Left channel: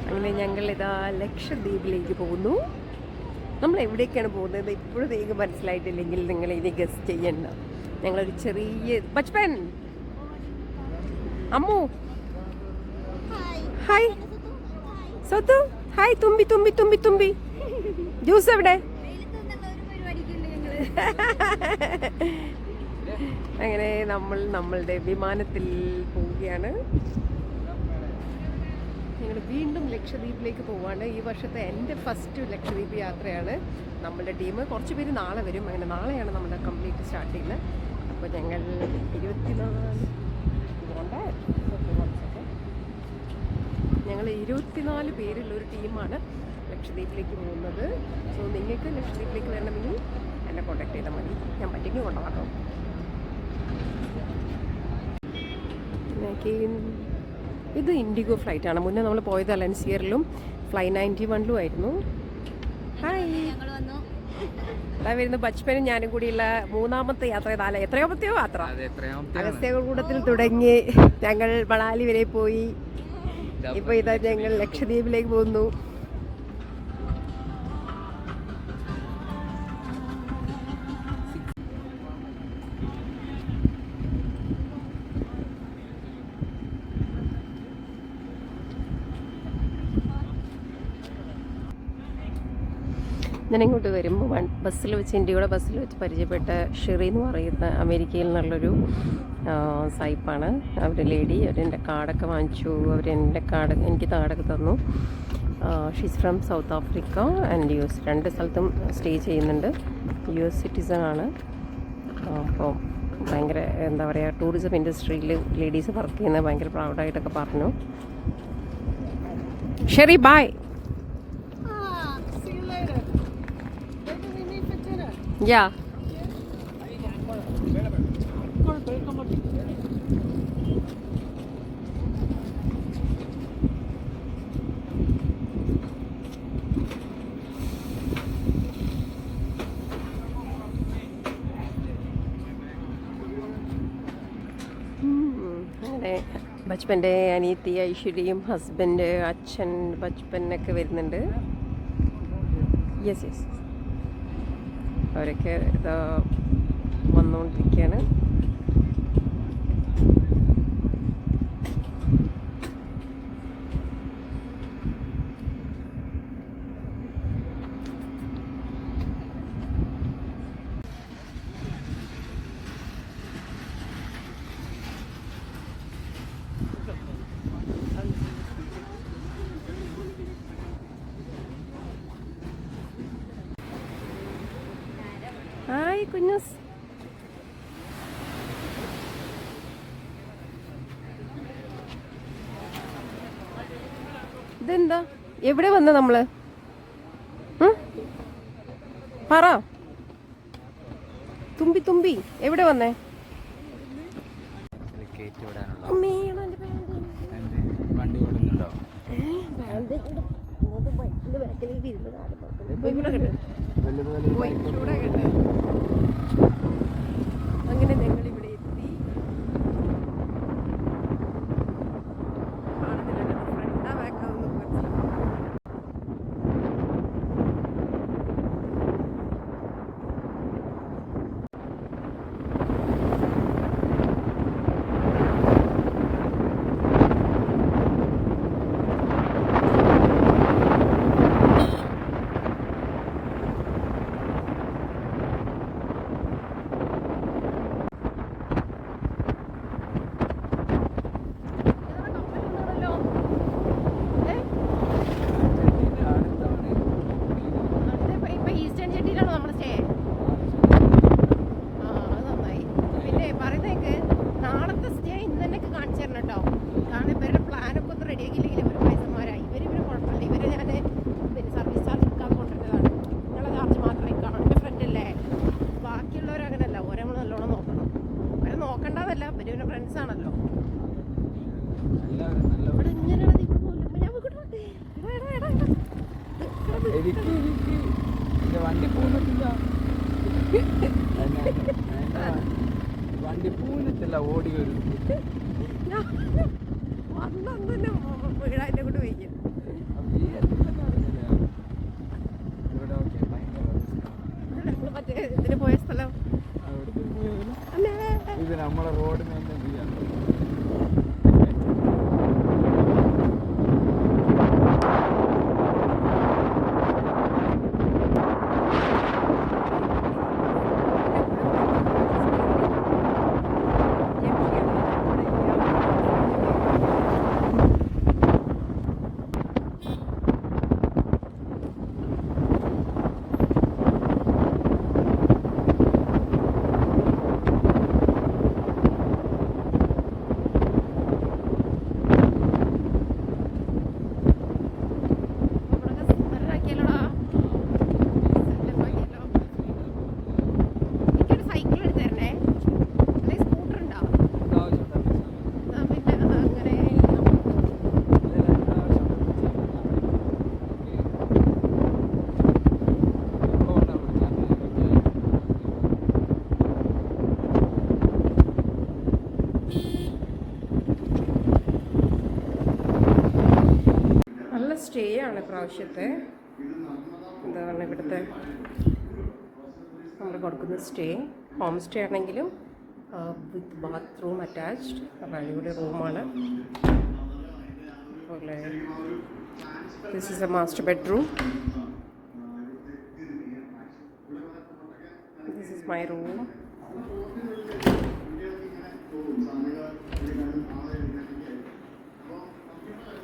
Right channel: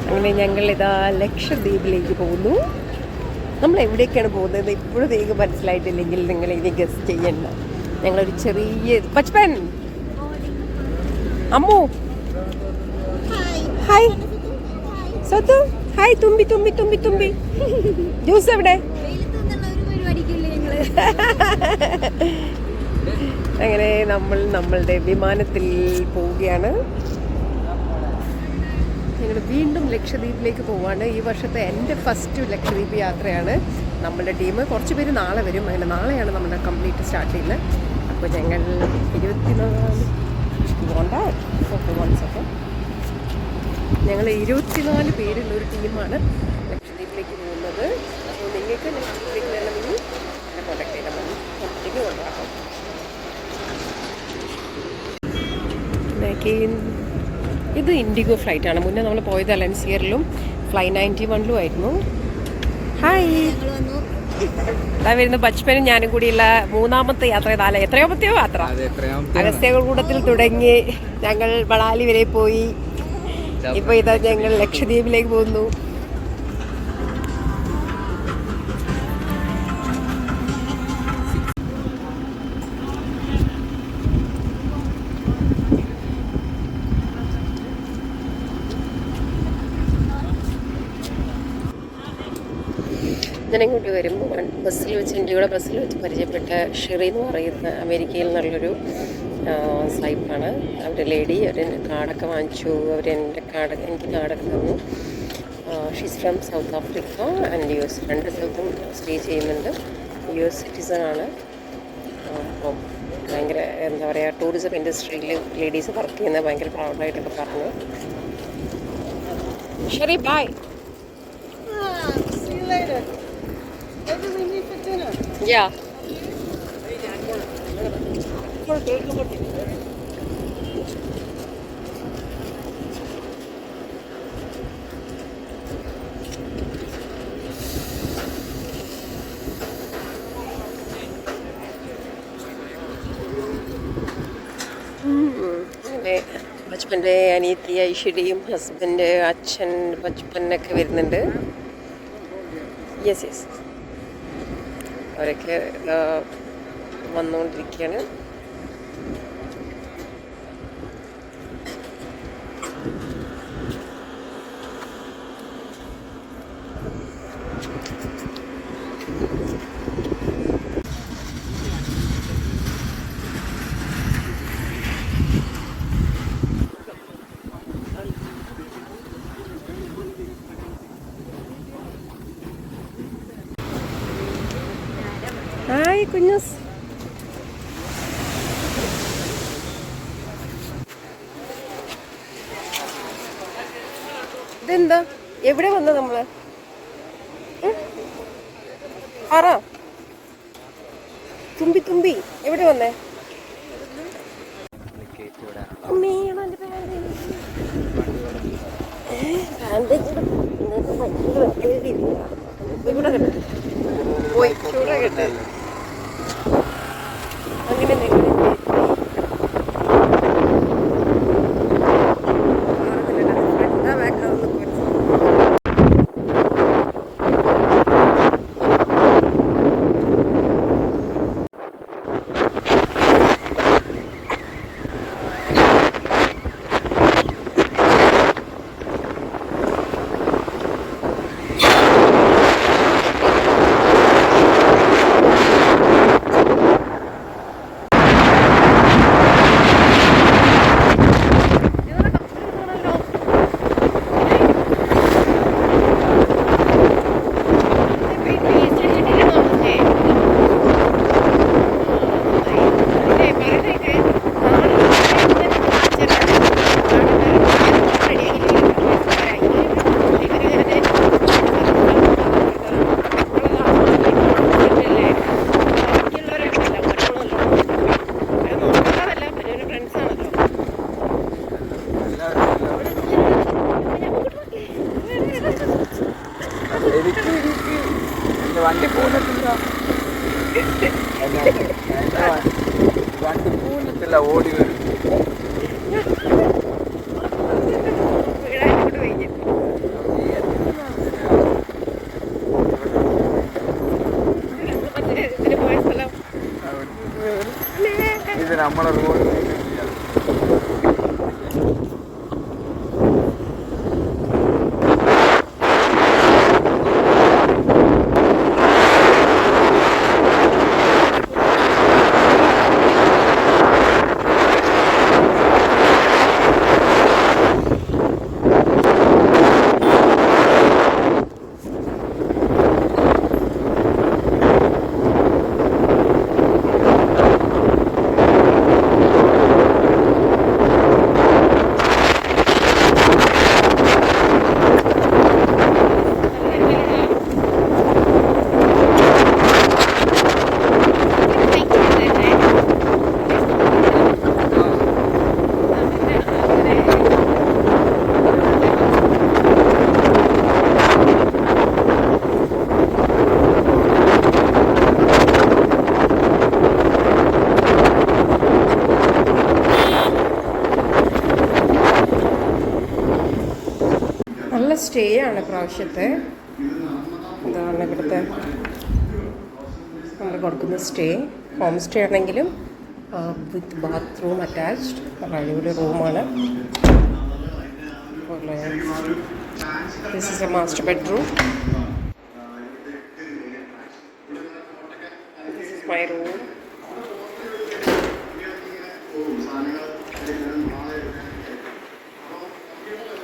അങ്ങനെ ഞങ്ങൾ ഇതാ ലക്ഷദ്വീപിലേക്ക് പോകുന്നു. നമ്മൾ എവിടേക്കാണ് പോകുന്നത് ഇപ്പോഴും വേഗം മനസ്സിലായിട്ടില്ലെങ്കിൽ നിങ്ങൾ ഇനി ഗസ്റ്റ് ചെയ്യണ്ട. ഞങ്ങളൊരു ചെറിയ ബച്പൻ അമ്മു ഹായ് സ്വത്ത് ഹായ് തുമ്പി തുമ്പി തുമ്പി തുമ്പി ജ്യൂസ് എവിടെ? അങ്ങനെ നമ്മൾ നമ്മളുടെ വിമാനത്തിൽ പോവുകയാണ്. ഞങ്ങൾ വീണ്ടും ലക്ഷദ്വീപിലേക്ക് പോവാണ്. ഈ വർഷത്തെ എൻ്റെ ഫസ്റ്റ് ലക്ഷദ്വീപ് യാത്രയാണ്. നമ്മളുടെ ടീം കുറച്ച് പേര് നാളെ വരും. അങ്ങനെ നാളെയാണ് നമ്മുടെ കംപ്ലീറ്റ് സ്റ്റാർട്ട് ചെയ്യുന്നത്. അപ്പോൾ ഞങ്ങൾ 24 പേരുള്ളൊരു ടീമാണ് ലക്ഷദ്വീപിലേക്ക് പോകുന്നത്. അപ്പോൾ നിങ്ങൾക്ക് ലക്ഷദ്വീപിലേക്ക് വരണമെങ്കിൽ എന്നെ കോൺടാക്ട് ചെയ്താൽ മതി. കമ്പനിക്ക് കൊണ്ടുപോകാം. ഇത് ഇൻഡിഗോ ഫ്ലൈറ്റാണ്. മുന്നേ നമ്മൾ പോയത് അലൻസിയറിലും ഫ്ലൈ 91 ആയിരുന്നു. ഹായ്, അതാ വരുന്ന ബച്പനും ഞാനും കൂടിയുള്ള മൂന്നാമത്തെ യാത്ര. എത്രയാമത്തെയോ യാത്ര? അഗസ്ത്യകൂടത്തിൽ തുടങ്ങി ഞങ്ങൾ മണാലി വരെ പോയി. ഇപ്പോൾ ഇതാ ഞങ്ങൾ ലക്ഷദ്വീപിലേക്ക് പോകുന്നു. ഞാനിങ്ങോട്ട് വരുമ്പോൾ ബസ്സിൽ വെച്ച് ഇന്ത്യയുടെ ബസ്സിൽ വെച്ച് പരിചയപ്പെട്ട ഷെറി എന്ന് പറയുന്ന അമേരിക്കയിൽ നിന്നുള്ളൊരു സായിപ്പാണ്. അവരുടെ ലേഡി. അവരെൻ്റെ കാർഡൊക്കെ വാങ്ങിച്ചു. അവരെൻ്റെ കാർഡ് എനിക്ക് കാർഡൊക്കെ തന്നു. She's from south Africa and US. 2 സ്ഥലത്തും സ്റ്റേ ചെയ്യുന്നുണ്ട്. US സിറ്റിസണാണ്. അപ്പോൾ ഭയങ്കര എന്താ പറയുക, ടൂറിസം ഇൻഡസ്ട്രിയിൽ ലേഡീസ് വർക്ക് ചെയ്യുന്നത് ഭയങ്കര പ്രൗഡായിട്ടൊക്കെ പറഞ്ഞു. Sherry by. Yeah. ബച്പൻ്റെ അനിയത്തി ഐശ്വര്യയും ഹസ്ബൻഡ് അച്ഛൻ ബച്പനൊക്കെ വരുന്നുണ്ട്. യെസ് യെസ്, അവരൊക്കെ വന്നുകൊണ്ടിരിക്കുകയാണ്. ഹായ് കുഞ്ഞൂസ്. ഇതെന്താ, എവിടെ വന്ന നമ്മള്? പറ തുമ്പി തുമ്പി, എവിടെ വന്നേ? പോയി ചൂടാ കേട്ടെ. അങ്ങനെ വണ്ടി പോകുന്നില്ല, ഓടി വരും. നമ്മളെ റോഡ് മെയിൻറ്റെയിൻ ചെയ്യാം. നല്ല സ്റ്റേ ആണ് പ്രാവശ്യത്തെ. എന്താണ് ഇവിടുത്തെ നമ്മൾ കൊടുക്കുന്ന സ്റ്റേ. ഹോം സ്റ്റേ ആണെങ്കിലും വിത്ത് ബാത്റൂം അറ്റാച്ച്ഡ്. അടിപൊളി റൂമാണ്. അതുപോലെ this is A master bedroom. This is my room.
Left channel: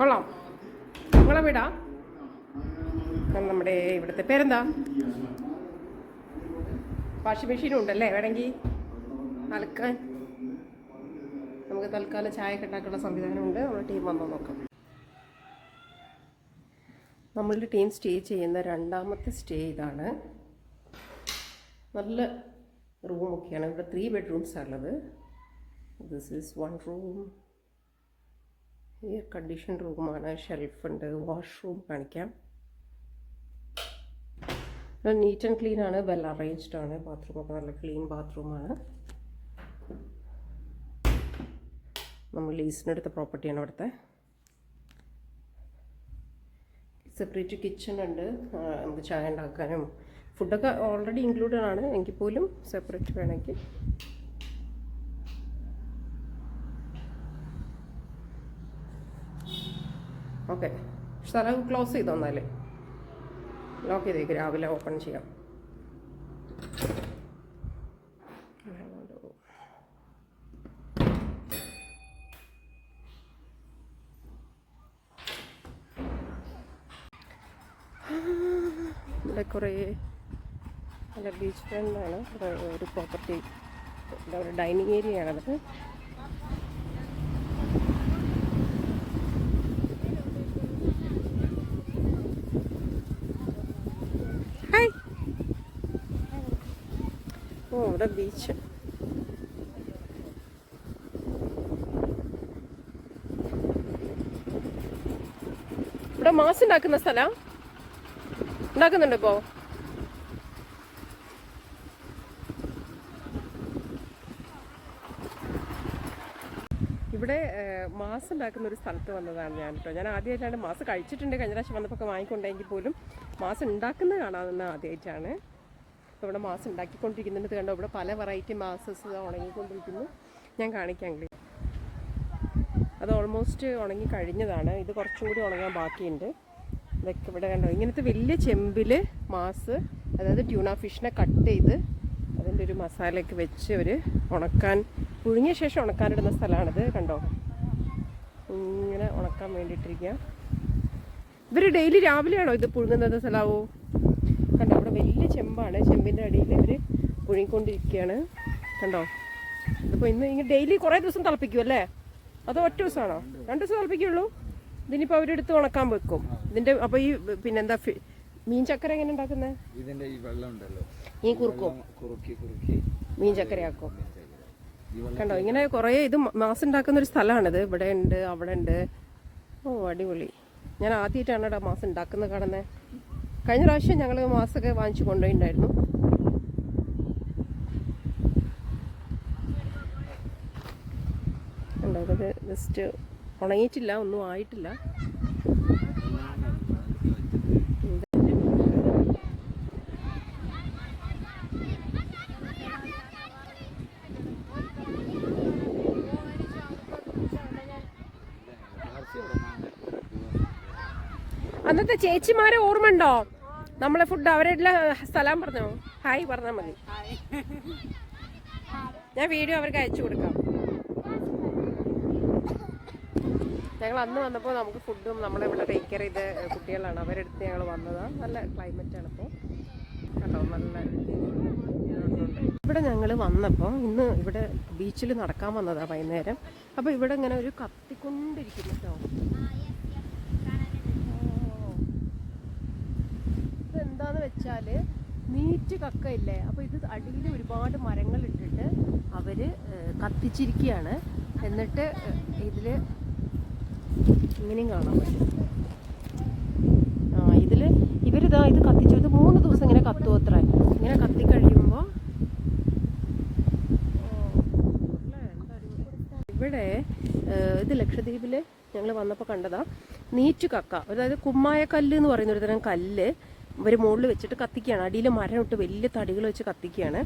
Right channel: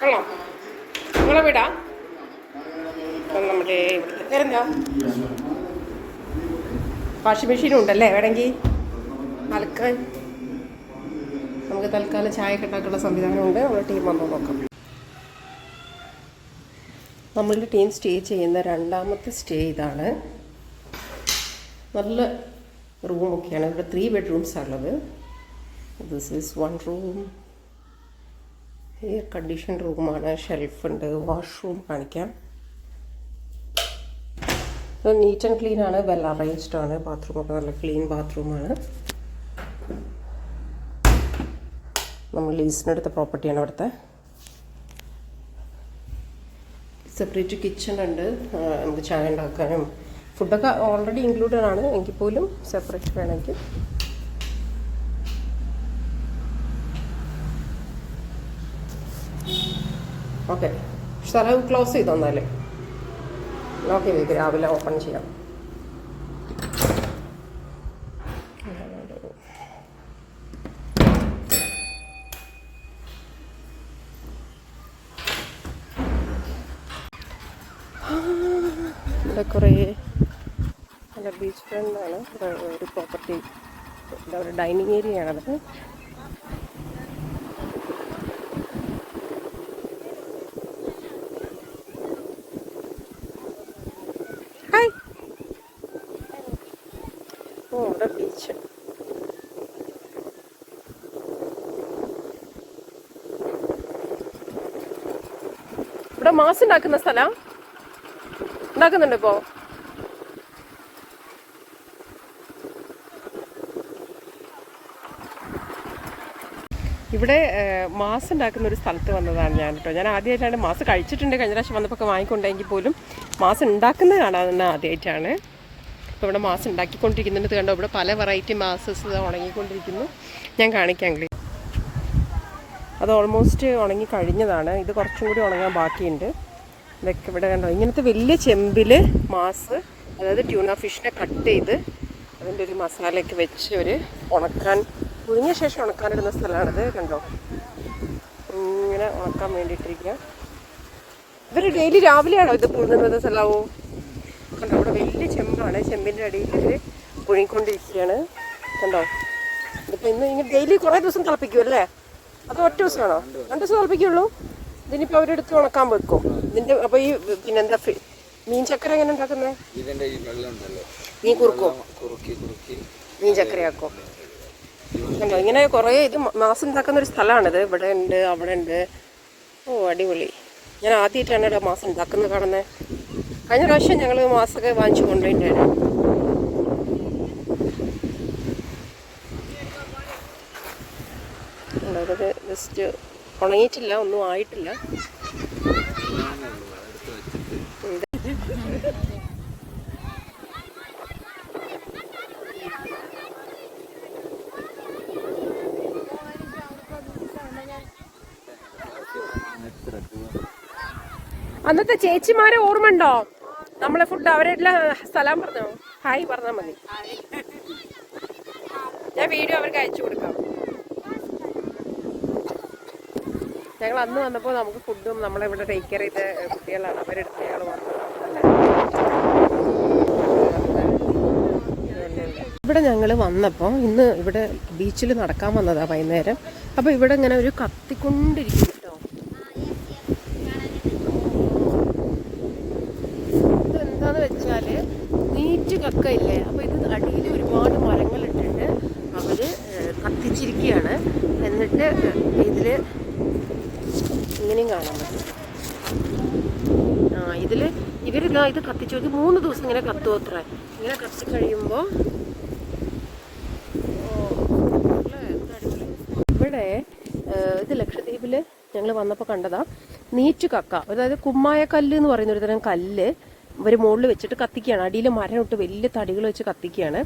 കൊള്ളാം. നിങ്ങളെ വീടാ? അപ്പം നമ്മുടെ ഇവിടുത്തെ പേരെന്താ? വാഷിംഗ് മെഷീനും ഉണ്ടല്ലേ വേണമെങ്കിൽ അലക്കാൻ. നമുക്ക് തൽക്കാലം ചായ ഉണ്ടാക്കാനുള്ള സംവിധാനമുണ്ട്. നമ്മുടെ ടീം വന്നോ നോക്കാം. നമ്മളുടെ ടീം സ്റ്റേ ചെയ്യുന്ന രണ്ടാമത്തെ സ്റ്റേ ഇതാണ്. നല്ല റൂമൊക്കെയാണ്. ഇവിടെ 3 ബെഡ്റൂംസാണ് ഉള്ളത്. This is 1 room. Air condition റൂമാണ്. ഷെൽഫുണ്ട്. വാഷ്റൂം കാണിക്കാം. ഇത് നീറ്റ് ആൻഡ് ക്ലീൻ ആണ്. വെൽ അറേഞ്ച്ഡ് ആണ്. ബാത്റൂമൊക്കെ നല്ല ക്ലീൻ ബാത്റൂമാണ്. നമ്മൾ ലീസിനെടുത്ത പ്രോപ്പർട്ടിയാണ് ഇവിടുത്തെ. സെപ്പറേറ്റ് കിച്ചൺ ഉണ്ട്. നമുക്ക് ചായ ഉണ്ടാക്കാനും ഫുഡൊക്കെ ഓൾറെഡി ഇൻക്ലൂഡഡ് ആണ്. എങ്കിൽ പോലും സെപ്പറേറ്റ് വേണമെങ്കിൽ. ഓക്കെ, സ്ഥലം ക്ലോസ് ചെയ്ത് തന്നാലേ ഓക്കെ. വേഗം രാവിലെ ഓപ്പൺ ചെയ്യാം. ഇവിടെ കുറേ നല്ല ബീച്ച് ഫ്രണ്ടാണ് ഒരു പ്രോപ്പർട്ടി. എന്താ പറയുക, ഡൈനിങ് ഏരിയ ആണത്. ഇവിടെ ബീച്ച്. ഇവിടെ മാസ് ഉണ്ടാക്കുന്ന സ്ഥലം ഉണ്ടാക്കുന്നുണ്ട് ഇപ്പോ. ഇവിടെ മാസ് ഉണ്ടാക്കുന്ന ഒരു സ്ഥലത്ത് വന്നതാണ് ഞാൻ കേട്ടോ. ഞാൻ ആദ്യമായിട്ടാണ് മാസ് കഴിച്ചിട്ടുണ്ട്. കഴിഞ്ഞ പ്രാവശ്യം വന്നപ്പോൾ വാങ്ങിക്കൊണ്ടെങ്കിൽ പോലും മാസ് ഉണ്ടാക്കുന്നത് കാണാൻ ആദ്യമായിട്ടാണ്. ഇപ്പോൾ ഇവിടെ മാസ് ഉണ്ടാക്കിക്കൊണ്ടിരിക്കുന്നുണ്ട്. കണ്ടോ, ഇവിടെ പല വെറൈറ്റി മാസസ് ഉണങ്ങിക്കൊണ്ടിരിക്കുന്നു. ഞാൻ കാണിക്കാം. അത് ഓൾമോസ്റ്റ് ഉണങ്ങി കഴിഞ്ഞതാണ്. ഇത് കുറച്ചും കൂടി ഉണങ്ങാൻ ബാക്കിയുണ്ട്. ഇതൊക്കെ ഇവിടെ കണ്ടോ, ഇങ്ങനത്തെ വലിയ ചെമ്പിൽ മാസ്, അതായത് ട്യൂണ ഫിഷിനെ കട്ട് ചെയ്ത് അതിൻ്റെ ഒരു മസാലയൊക്കെ വെച്ച് ഒരു ഉണക്കാൻ, പുഴുങ്ങിയ ശേഷം ഉണക്കാനിടുന്ന സ്ഥലമാണിത്. കണ്ടോ, ഇങ്ങനെ ഉണക്കാൻ വേണ്ടിയിട്ടിരിക്കുക. ഇവർ ഡെയിലി രാവിലെയാണോ ഇത് പുഴുങ്ങുന്നത് സ്ഥലമോ? കണ്ടോ, ഇവിടെ വലിയ ചെമ്പാണ്. ചെമ്പിൻ്റെ അടിയിൽ ഇവർ പുഴുങ്ങിക്കൊണ്ടിരിക്കുകയാണ്. കണ്ടോ, ഇതിപ്പോൾ ഇങ്ങനെ ഡെയിലി കുറേ ദിവസം തിളപ്പിക്കും അല്ലേ? അത് ഒറ്റ ദിവസമാണോ? 2 ദിവസം തിളപ്പിക്കുള്ളൂ. ഇതിനിപ്പോൾ അവരെടുത്ത് ഉണക്കാൻ വെക്കും. ഇതിൻ്റെ അപ്പോൾ ഈ പിന്നെന്താ മീൻ ചക്കര എങ്ങനെ ഉണ്ടാക്കുന്നത്? ഇതിൻ്റെ ഈ വെള്ളം ഉണ്ടല്ലോ, മീൻ കുറുക്കും, കുറുക്കി മീൻ ചക്കരയാക്കും. കണ്ടോ, ഇങ്ങനെ കുറേ ഇത് മാസം ഉണ്ടാക്കുന്ന ഒരു സ്ഥലമാണിത്. ഇവിടെ ഉണ്ട്, അവിടെ ഉണ്ട്. ഓ അടിപൊളി. ഞാൻ ആദ്യമായിട്ടാണ് ഇവിടെ മാസം ഉണ്ടാക്കുന്നത് കാണുന്നത്. കഴിഞ്ഞ പ്രാവശ്യം ഞങ്ങൾ മാസമൊക്കെ വാങ്ങിച്ചു കൊണ്ടുപോയിട്ടുണ്ടായിരുന്നു. ഉണ്ടായത് ജസ്റ്റ് ഉണങ്ങിയിട്ടില്ല, ഒന്നും ആയിട്ടില്ല. അന്നത്തെ ചേച്ചിമാരെ ഓർമ്മയുണ്ടോ? നമ്മളെ ഫുഡ് അവരെല്ലാം സ്ഥലം പറഞ്ഞോ, ഹായ് പറഞ്ഞാൽ മതി. ഞാൻ വീഡിയോ അവർക്ക് അയച്ചു കൊടുക്കാം. ഞങ്ങൾ അന്ന് വന്നപ്പോൾ നമുക്ക് ഫുഡും നമ്മളിവിടെ ടേക്ക് കെയർ ചെയ്ത കുട്ടികളാണ്, അവരെടുത്ത് ഞങ്ങൾ വന്നത്. ഇവിടെ ഞങ്ങൾ വന്നപ്പോൾ ഇന്ന് ഇവിടെ ബീച്ചിൽ നടക്കാൻ വന്നതാ വൈകുന്നേരം. അപ്പോൾ ഇവിടെ ഇങ്ങനെ ഒരു കത്തിക്കൊണ്ടിരിക്കും കേട്ടോ. ഇതെന്താന്ന് വെച്ചാൽ നീറ്റ് കക്ക ഇല്ലേ, അപ്പോൾ ഇത് അടിയിൽ ഒരുപാട് മരങ്ങൾ ഇട്ടിട്ട് അവർ കത്തിച്ചിരിക്കുകയാണ്. എന്നിട്ട് ഇതിൽ ഇങ്ങനെയും കാണാൻ പറ്റും. ഇതിൽ ഇവരിതാ ഇത് കത്തിച്ചു. ഇത് 3 ദിവസം ഇങ്ങനെ കത്തുമോ അത്ര. ഇങ്ങനെ കത്തിക്കഴിയുമ്പോൾ ഇവിടെ ഇത് ലക്ഷദ്വീപിൽ ഞങ്ങൾ വന്നപ്പോൾ കണ്ടതാ നീച്ചു കക്ക. അതായത് കുമ്മായക്കല്ല് എന്ന് പറയുന്ന ഒരു തരം കല്ല് ഇവർ മുകളിൽ വെച്ചിട്ട് കത്തിക്കുകയാണ്. അടിയിൽ മരം ഇട്ട് വലിയ തടികൾ വെച്ച് കത്തിക്കുകയാണ്.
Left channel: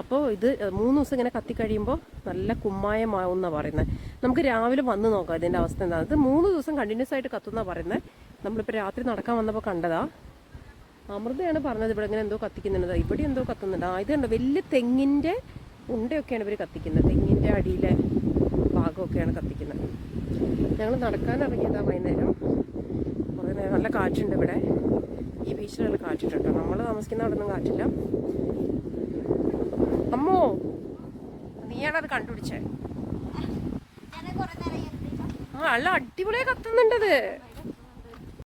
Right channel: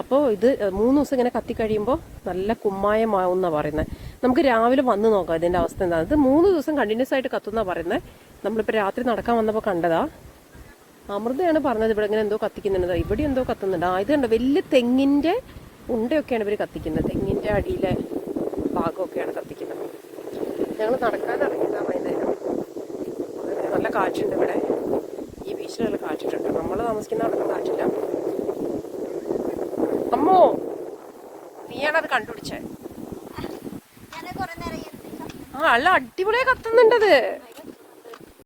അപ്പോൾ ഇത് 3 ദിവസം ഇങ്ങനെ കത്തിക്കഴിയുമ്പോൾ നല്ല കുമ്മായമാവും എന്നാണ് പറയുന്നത്. നമുക്ക് രാവിലെ വന്ന് നോക്കാം ഇതിൻ്റെ അവസ്ഥ എന്താണ്. ഇത് 3 ദിവസം കണ്ടിന്യൂസ് ആയിട്ട് കത്തുന്നാണ് പറയുന്നത്. നമ്മളിപ്പോൾ രാത്രി നടക്കാൻ വന്നപ്പോൾ കണ്ടതാ. അമൃതയാണ് പറഞ്ഞത് ഇവിടെ ഇങ്ങനെ എന്തോ കത്തിക്കുന്നുണ്ട്. ഇവിടെ എന്തോ കത്തുന്നുണ്ട്. ഇത് കണ്ടോ വലിയ തെങ്ങിൻ്റെ ഉണ്ടയൊക്കെയാണ് ഇവർ കത്തിക്കുന്നത്. തെങ്ങിൻ്റെ അടിയിലെ ഭാഗമൊക്കെയാണ് കത്തിക്കുന്നത്. ഞങ്ങൾ നടക്കാൻ ഇറങ്ങിയതാണ് വൈകുന്നേരം. നല്ല കാറ്റുണ്ട് ഇവിടെ. ഈ ബീച്ചിൽ നല്ല കാറ്റിട്ടുണ്ട്. നമ്മൾ താമസിക്കുന്ന അവിടെ കാറ്റില്ല. അമ്മോ, നീയാണത് കണ്ടുപിടിച്ചേ? നല്ല അടിപൊളിയായി കത്തുന്നുണ്ടത്.